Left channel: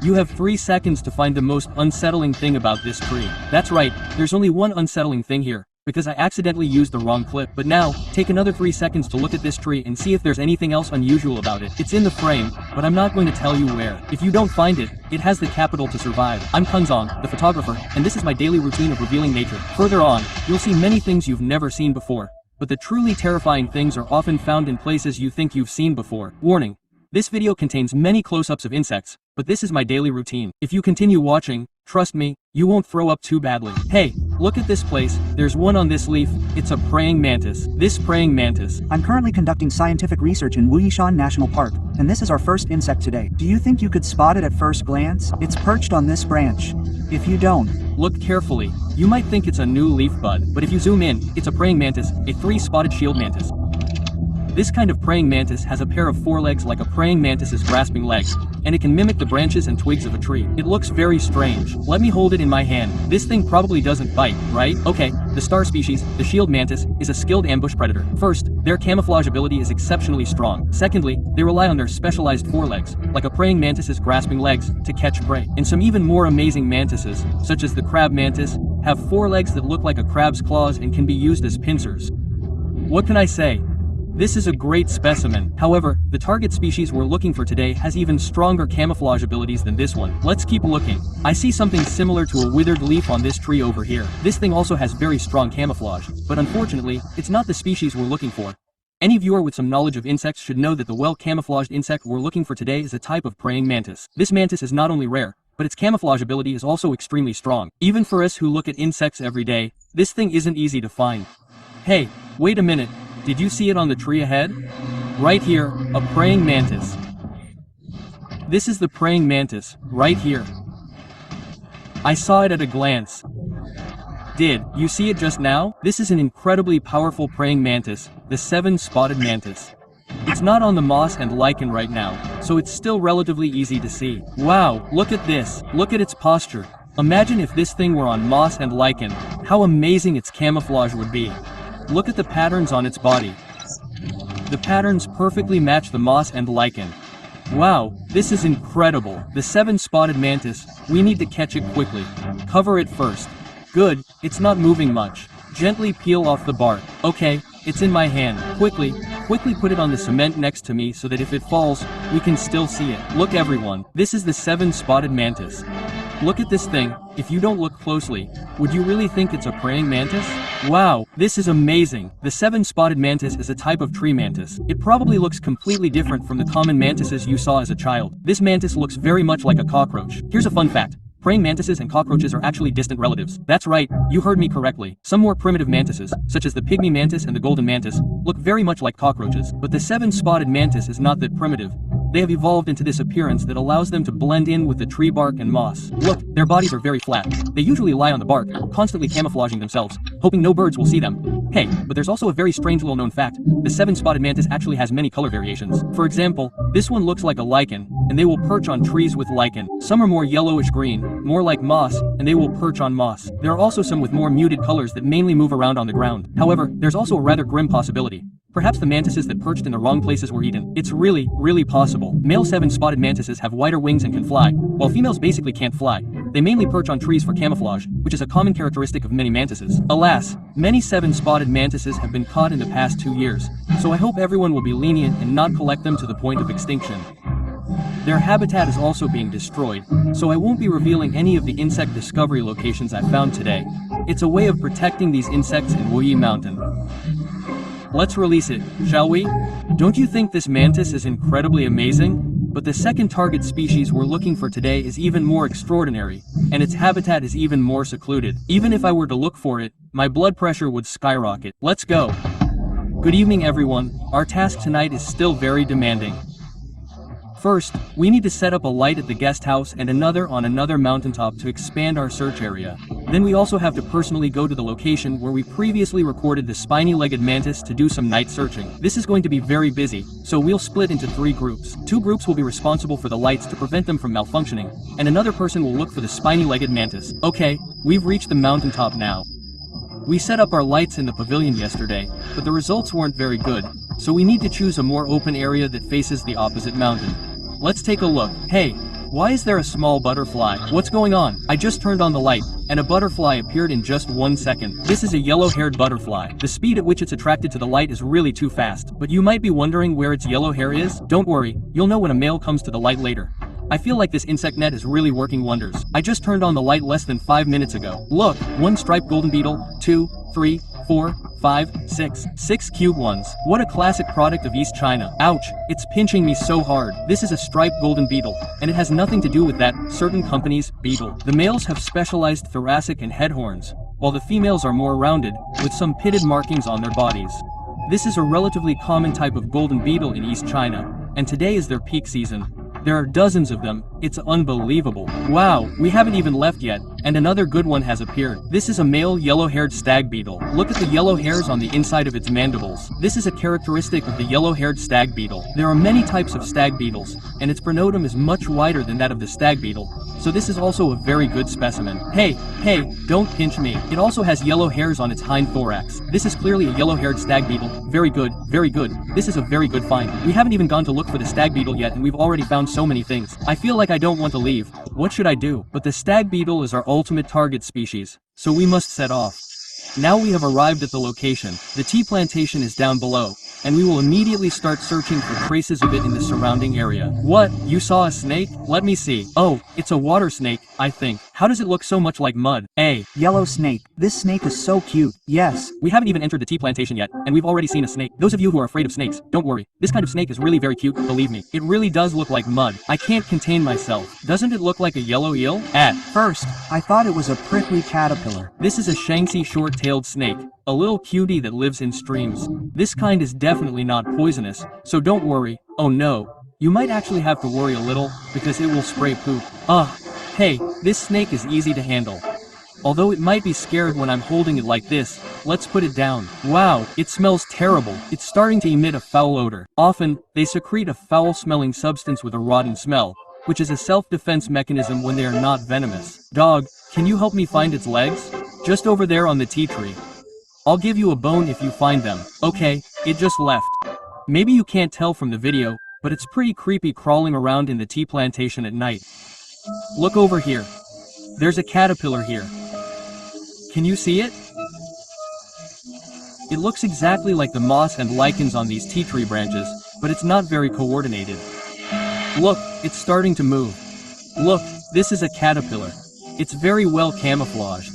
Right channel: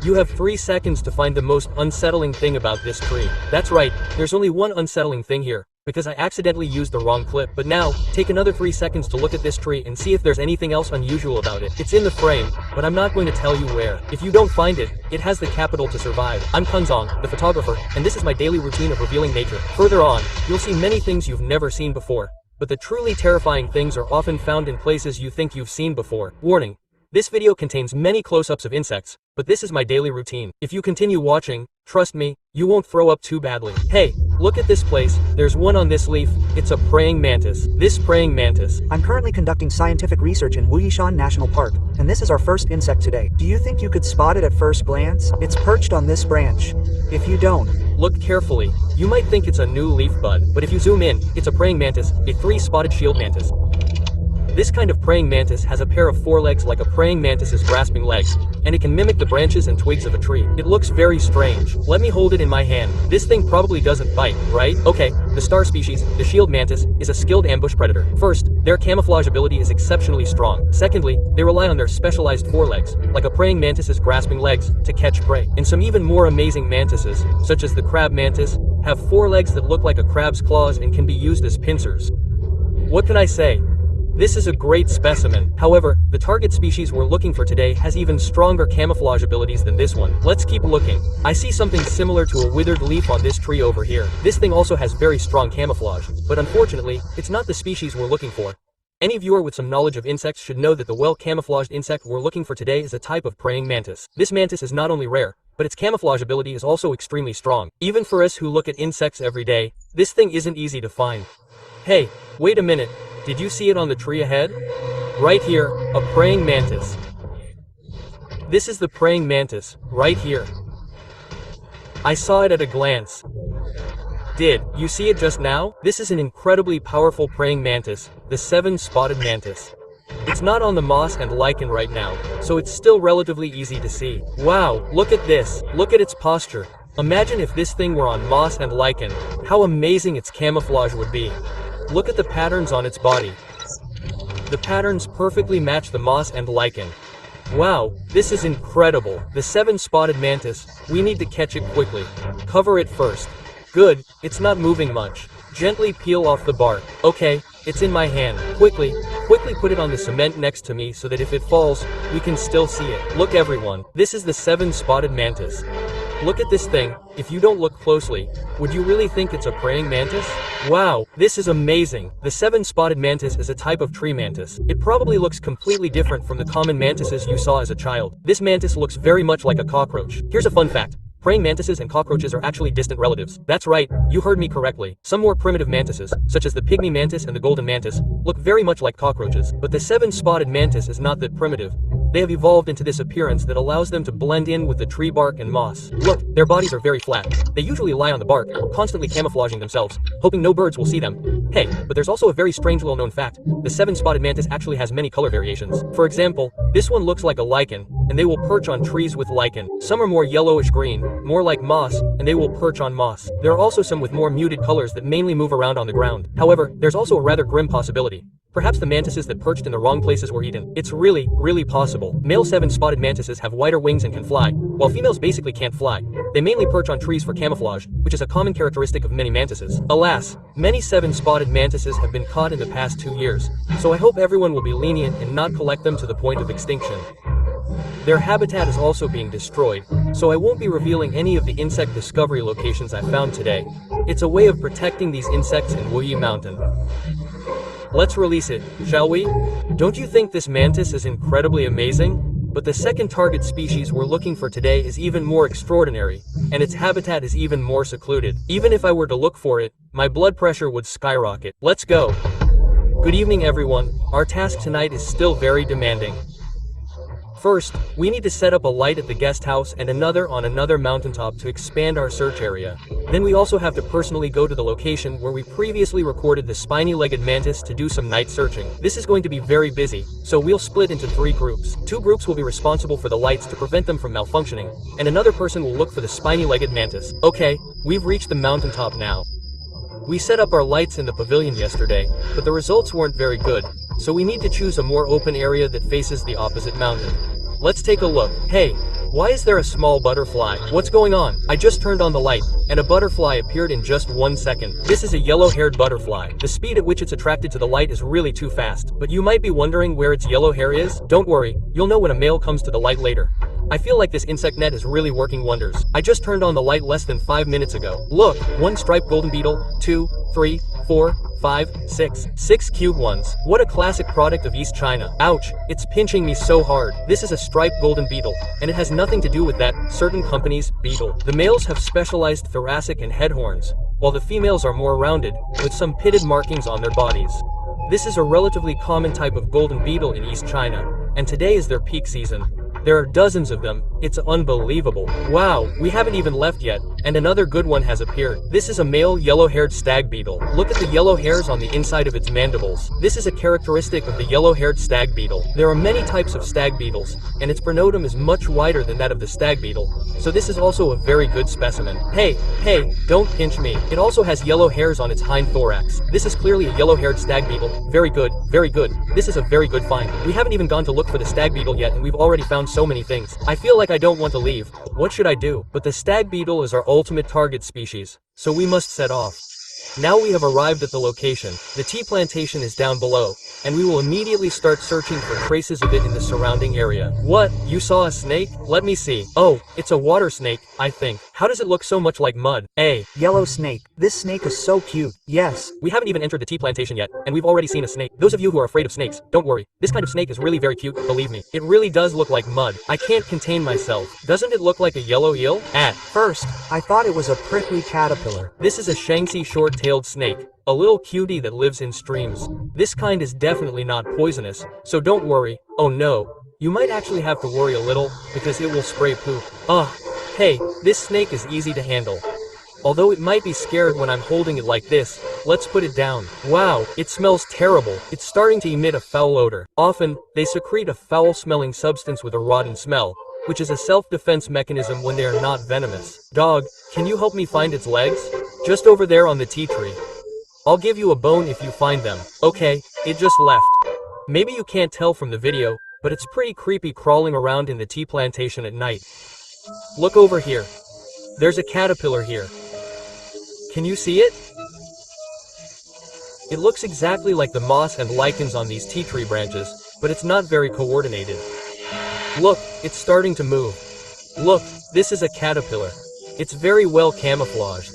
You have 3 seconds to find the most unsettling thing about this tree. That's right, there's only one unsettling thing here, because I accidentally used the wrong clip. But now, take another 3 seconds to look at this tree and see if there's anything else unusual about it. It's in the frame, but I'm not going to tell you where. If you don't find it, it has the capital to survive. I'm Kunzong, the photographer, and this is my daily routine of revealing nature. Further on, you'll see many things you've never seen before, but the truly terrifying things are often found in places you think you've seen before. Warning. This video contains many close-ups of insects, but this is my daily routine. If you continue watching, trust me, you won't throw up too badly. Hey, look at this place, there's one on this leaf, it's a praying mantis. This praying mantis. I'm currently conducting scientific research in Wuyishan National Park, and this is our first insect today. Do you think you could spot it at first glance? It's perched on this branch. If you don't, look carefully. You might think it's a new leaf bud, but if you zoom in, it's a praying mantis, a 3-spotted shield mantis. This kind of praying mantis has a pair of forelegs like a praying mantis's grasping legs, and it can mimic the branches and twigs of a tree. It looks very strange. Let me hold it in my hand. This thing probably doesn't bite, right? Okay, the star species, the shield mantis, is a skilled ambush predator. First, their camouflage ability is exceptionally strong. Secondly, they rely on their specialized forelegs, like a praying mantis's grasping legs, to catch prey. And some even more amazing mantises, such as the crab mantis, have forelegs that look like a crab's claws and can be used as pincers. What can I say? This is a great specimen. However, the target species we're looking for today has even stronger camouflage abilities than this one. Let's keep looking. I see something similar to a withered leaf on this tree over here. This thing also has very strong camouflage, but unfortunately, it's not the species we're looking for. Any viewer with some knowledge of insects should know that the well-camouflaged insect we're looking for today is a type of praying mantis. This mantis is not only rare, but its camouflage ability is also extremely strong. Even for us who look at insects every day, this thing isn't easy to find. Hey, wait a minute. Did you see it on the tree ahead? Right here, a praying mantis. This is the praying mantis, right here. I saw it at a glance. Did you see it just now? This is an incredibly powerful praying mantis, the 7-spotted mantis. It's not on the moss and lichen right now, so it's still relatively easy to see. Wow, look at this. Look at its posture. Imagine if this thing were on moss and lichen, how amazing its camouflage would be. Look at the patterns on its body. The patterns perfectly match the moss and lichen. Wow, this is incredible. The 7-spotted mantis, we need to catch it quickly. Cover it first. Good, it's not moving much. Gently peel off the bark. Okay, it's in my hand. Quickly put it on the cement next to me so that if it falls, we can still see it. Look everyone, this is the 7-spotted mantis. Look at this thing. If you don't look closely, would you really think it's a praying mantis? Wow, this is amazing. The 7-spotted mantis is a type of tree mantis. It probably looks completely different from the common mantises you saw as a child. This mantis looks very much like a cockroach. Here's a fun fact. Praying mantises and cockroaches are actually distant relatives. That's right, you heard me correctly. Some more primitive mantises, such as the pygmy mantis and the golden mantis, look very much like cockroaches. But the 7-spotted mantis is not that primitive. They have evolved into this appearance that allows them to blend in with the tree bark and moss. Look, their bodies are very flat. They usually lie on the bark, constantly camouflaging themselves, hoping no birds will see them. Hey, but there's also a very strange little-known fact. The 7-spotted mantis actually has many color variations. For example, this one looks like a lichen, and they will perch on trees with lichen. Some are more yellowish-green, more like moss, and they will perch on moss. There are also some with more muted colors that mainly move around on the ground. However, there's also a rather grim possibility. Perhaps the mantises that perched in the wrong places were eaten. It's really possible. Male 7-spotted mantises have wider wings and can fly, while females basically can't fly. They mainly perch on trees for camouflage, which is a common characteristic of many mantises. Alas, many 7-spotted mantises have been caught in the past 2 years, so I hope everyone will be lenient and not collect them to the point of extinction. Their habitat is also being destroyed, so I won't be revealing any of the insect discovery locations I found today. It's a way of protecting these insects in Wuyi Mountain. Let's release it, shall we? Don't you think this mantis is incredibly amazing? But the second target species we're looking for today is even more extraordinary, and its habitat is even more secluded. Even if I were to look for it, my blood pressure would skyrocket. Let's go. Good evening everyone, our task tonight is still very demanding. First, we need to set up a light at the guest house and another on another mountaintop to expand our search area. Then we also have to personally go to the location where we previously recorded the spiny-legged mantis to do some night searching. This is going to be very busy, so we'll split into 3 groups. 2 groups will be responsible for the lights to prevent them from malfunctioning, and another person will look for the spiny-legged mantis. Okay, we've reached the mountaintop now. We set up our lights in the pavilion yesterday, but the results weren't very good, so we need to choose a more open area that faces the opposite mountain. Let's take a look. Hey, Why is there a small butterfly? What's going on? I just turned on the light, and a butterfly appeared in just 1 second. This is a yellow-haired butterfly. The speed at which it's attracted to the light is really too fast. But you might be wondering where its yellow hair is? Don't worry, you'll know when a male comes to the light later. I feel like this insect net is really working wonders. I just turned on the light less than 5 minutes ago. Look, 1 striped golden beetle, 2, 3, 4, 5, 6. 6 cute ones. What a classic product of East China. Ouch, it's pinching me so hard. This is a striped golden beetle, and it has nothing to do with that certain company's beetle. The males have specialized thoracic and head horns, while the females are more rounded, with some pitted markings on their bodies. This is a relatively common type of golden beetle in East China, and today is their peak season. There are dozens of them. It's unbelievable. Wow, we haven't even left yet, and another good one has appeared. This is a male yellow-haired stag beetle. Look at the yellow hairs on the inside of its mandibles. This is a characteristic of the yellow-haired stag beetle. There are many types of stag beetles, and its pronotum is much wider than that of the stag beetle, so this is also a very good specimen. Hey, don't pinch me. It also has yellow hairs on its hind thorax. This is clearly a yellow-haired stag beetle. Very good, very good. This is a very good find. We haven't even gone to look for the stag beetle yet, and we've already found so many things. I feel like I don't want to leave. What should I do? But the stag beetle is our ultimate target species, so we must set off. Now we have arrived at the location. The tea plantation is down below, and we will immediately start searching for traces of it in the surrounding area. What? You saw a snake? Let me see. Oh, it's a water snake, I think. How does it look so much like mud? Yellow snake. This snake is so cute. Yes. We haven't even entered the tea plantation yet, and we've already seen a snake. Those of you who are afraid of snakes, don't worry. This kind of snake is really very cute, believe me. It really does look like mud. I can't contain myself. Doesn't it look like a yellow eel? At first, I thought it was a prickly caterpillar. This is a Shaanxi short-tailed snake, a little cutie that lives in streams. This kind is definitely not poisonous, so don't worry. Oh no. You might actually have to worry a little, because it will spray poop. Hey, this snake is easy to handle. Although it might be scared when I'm holding it like this, let's put it down. Wow, it smells terrible. It's starting to emit a foul odor. Often, they secrete a foul-smelling substance with a rotten smell, which is a self-defense mechanism when they are not venomous. Dog, can you help me find its legs? Just over there on the tea tree. I'll give you a bone if you find them. Okay, it just left. Maybe you can't tell from the video, but it's pretty creepy crawling around in the tea plantation at night. Look over here. There's a caterpillar here. Can you see it? It looks exactly like the moss and lichens on these tea tree branches, but it's not very coordinated. Look, it's starting to move. Look, this is a caterpillar. It's very well camouflaged.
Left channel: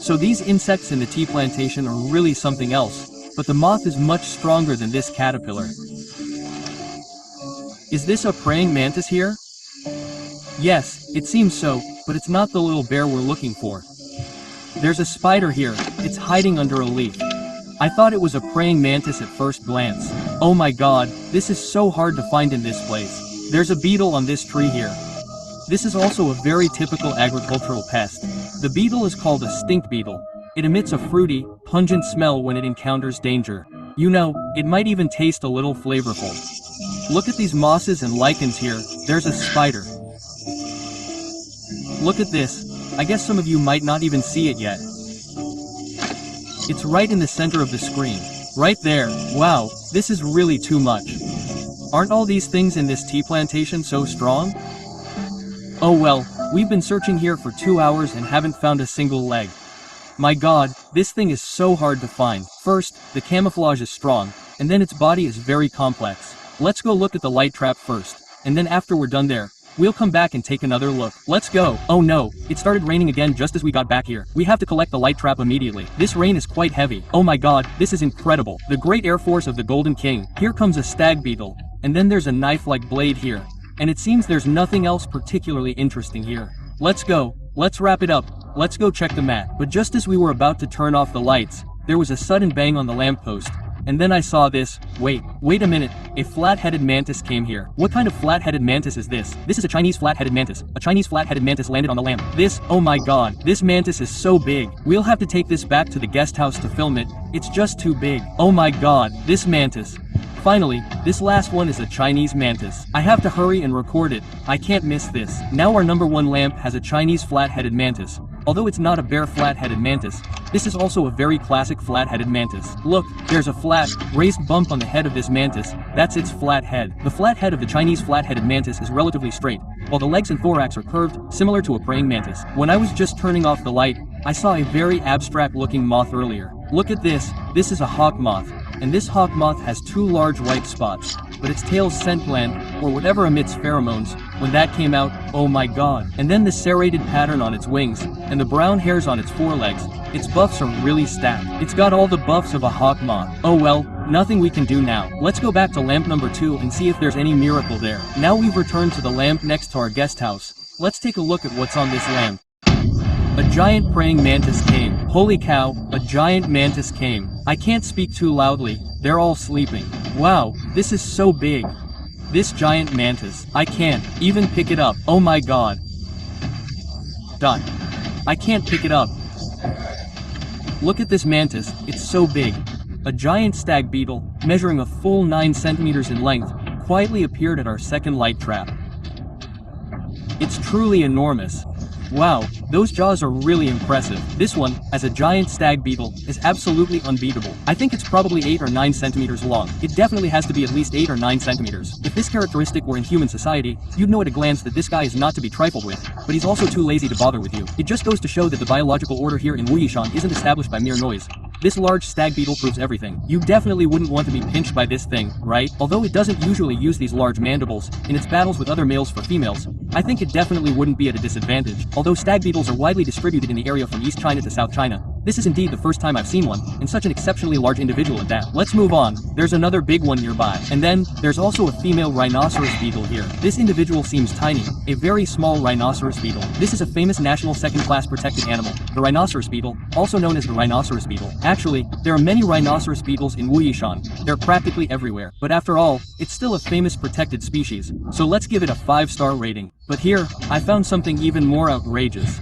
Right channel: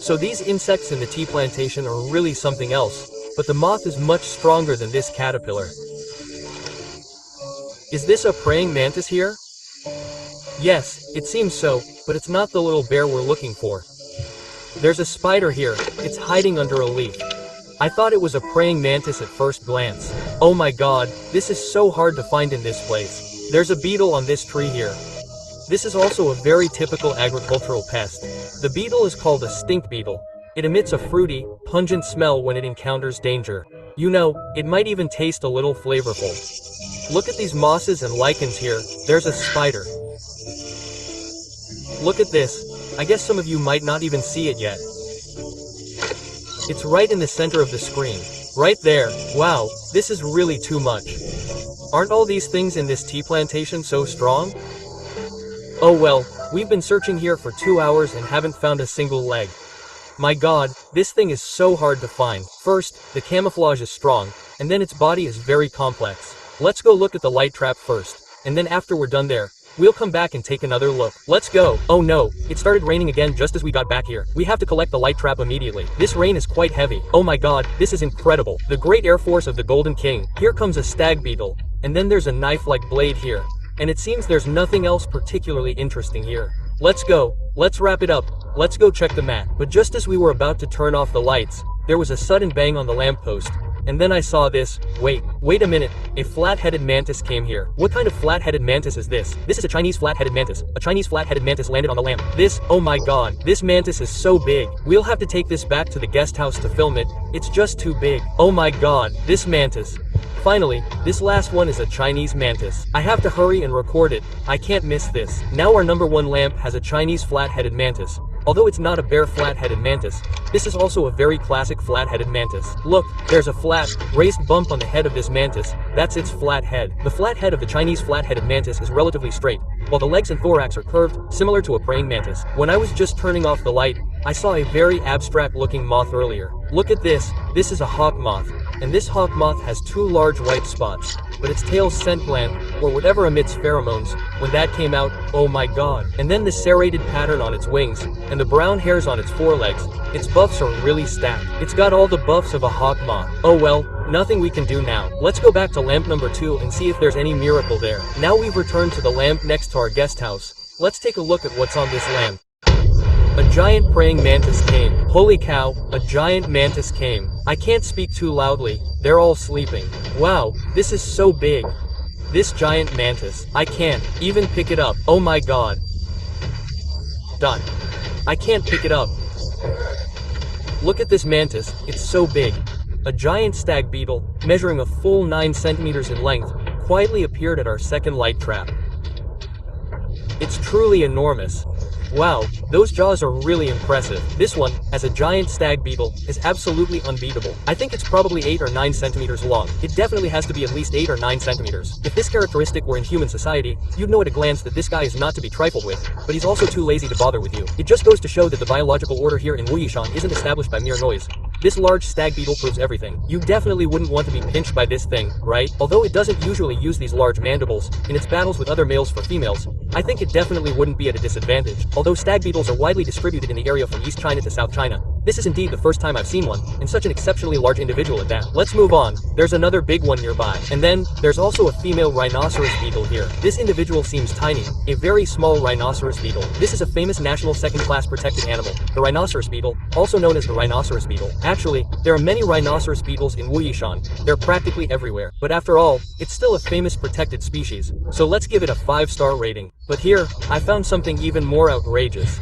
So these insects in the tea plantation are really something else, but the moth is much stronger than this caterpillar. Is this a praying mantis here? Yes, it seems so, but it's not the little bear we're looking for. There's a spider here. It's hiding under a leaf. I thought it was a praying mantis at first glance. Oh my god, this is so hard to find in this place. There's a beetle on this tree here. This is also a very typical agricultural pest. The beetle is called a stink beetle. It emits a fruity, pungent smell when it encounters danger. You know, it might even taste a little flavorful. Look at these mosses and lichens here. There's a spider. Look at this. I guess some of you might not even see it yet. It's right in the center of the screen. Right there. Wow, this is really too much. Aren't all these things in this tea plantation so strong? Oh well, we've been searching here for 2 hours and haven't found a single leg. My god, this thing is so hard to find. First, the camouflage is strong, and then its body is very complex. Let's go look at the light trap first, and then after we're done there, we'll come back and take another look. Let's go. Oh no, it started raining again just as we got back here. We have to collect the light trap immediately. This rain is quite heavy. Oh my god, this is incredible. The great air force of the Golden King. Here comes a stag beetle, and then there's a knife-like blade here. And it seems there's nothing else particularly interesting here. Let's go. Let's wrap it up. Let's go check the map. But just as we were about to turn off the lights, there was a sudden bang on the lamppost. And then I saw this. Wait a minute. A flat-headed mantis came here. What kind of flat-headed mantis is this? This is a Chinese flat-headed mantis. A Chinese flat-headed mantis landed on the lamp. Oh my god. This mantis is so big. We'll have to take this back to the guest house to film it. It's just too big. Oh my god. This mantis. Finally, this last one is a Chinese mantis. I have to hurry and record it. I can't miss this. Now our number 1 lamp has a Chinese flat-headed mantis. Although it's not a bare flat-headed mantis, this is also a very classic flat-headed mantis. Look, there's a flat, raised bump on the head of this mantis. That's its flat head. The flat head of the Chinese flat-headed mantis is relatively straight, while the legs and thorax are curved, similar to a praying mantis. When I was just turning off the light, I saw a very abstract-looking moth earlier. Look at this is a hawk moth, and this hawk moth has 2 large white spots, but its tail's scent gland, or whatever emits pheromones, when that came out, oh my god. And then the serrated pattern on its wings, and the brown hairs on its forelegs, its buffs are really stacked. It's got all the buffs of a hawk moth. Oh well, nothing we can do now. Let's go back to lamp number 2 and see if there's any miracle there. Now we've returned to the lamp next to our guest house. Let's take a look at what's on this lamp. A giant praying mantis came. Holy cow, a giant mantis came. I can't speak too loudly, they're all sleeping. Wow, this is so big. This giant mantis, I can't even pick it up. Oh my god. Dot. I can't pick it up. Look at this mantis, it's so big. A giant stag beetle, measuring a full 9 centimeters in length, quietly appeared at our second light trap. It's truly enormous. Wow, those jaws are really impressive. This one, as a giant stag beetle, is absolutely unbeatable. I think it's probably 8 or 9 centimeters long. It definitely has to be at least 8 or 9 centimeters. If this characteristic were in human society, you'd know at a glance that this guy is not to be trifled with, but he's also too lazy to bother with you. It just goes to show that the biological order here in Wuyishan isn't established by mere noise. This large stag beetle proves everything. You definitely wouldn't want to be pinched by this thing, right? Although it doesn't usually use these large mandibles, in its battles with other males for females, I think it definitely wouldn't be at a disadvantage. Although stag beetles are widely distributed in the area from East China to South China, this is indeed the first time I've seen one, and such an exceptionally large individual at that. Let's move on. There's another big one nearby. And then, there's also a female rhinoceros beetle here. This individual seems tiny, a very small rhinoceros beetle. This is a famous national second-class protected animal, the rhinoceros beetle, also known as the rhinoceros beetle. Actually, there are many rhinoceros beetles in Wuyishan. They're practically everywhere. But after all, it's still a famous protected species. So let's give it a 5-star rating. But here, I found something even more outrageous.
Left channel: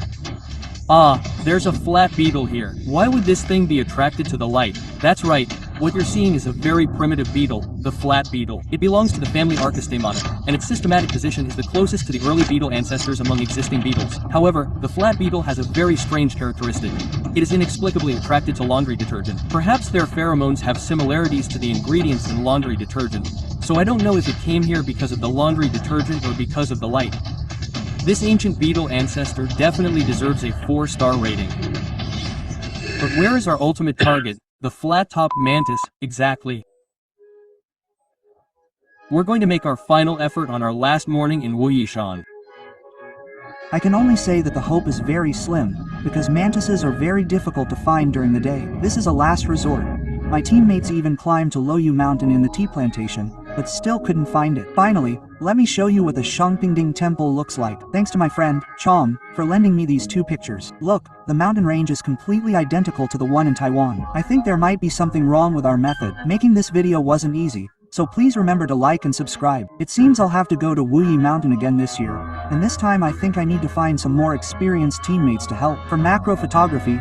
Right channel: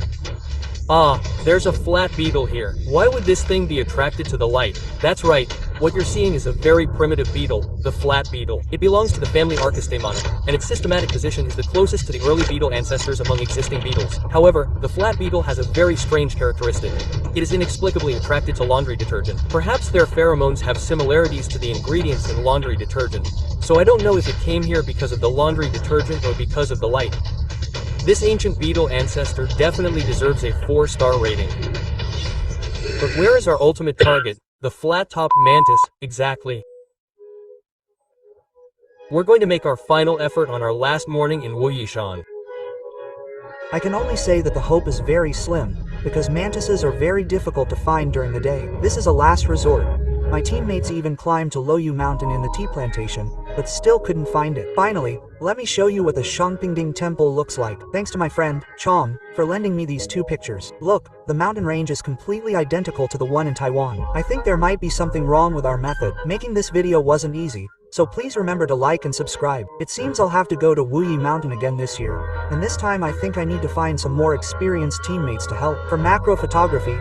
Ah, there's a flat beetle here. Why would this thing be attracted to the light? That's right, what you're seeing is a very primitive beetle, the flat beetle. It belongs to the family Archistemata, and its systematic position is the closest to the early beetle ancestors among existing beetles. However, the flat beetle has a very strange characteristic. It is inexplicably attracted to laundry detergent. Perhaps their pheromones have similarities to the ingredients in laundry detergent, so I don't know if it came here because of the laundry detergent or because of the light. This ancient beetle ancestor definitely deserves a 4-star rating. But where is our ultimate target, the flat-top mantis, exactly? We're going to make our final effort on our last morning in Wuyishan. I can only say that the hope is very slim, because mantises are very difficult to find during the day. This is a last resort. My teammates even climbed to Loyu Mountain in the tea plantation, but still couldn't find it. Finally, let me show you what the Shangpingding Temple looks like. Thanks to my friend, Chong, for lending me these 2 pictures. Look, the mountain range is completely identical to the one in Taiwan. I think there might be something wrong with our method. Making this video wasn't easy, so please remember to like and subscribe. It seems I'll have to go to Wuyi Mountain again this year, and this time I think I need to find some more experienced teammates to help. For macro photography,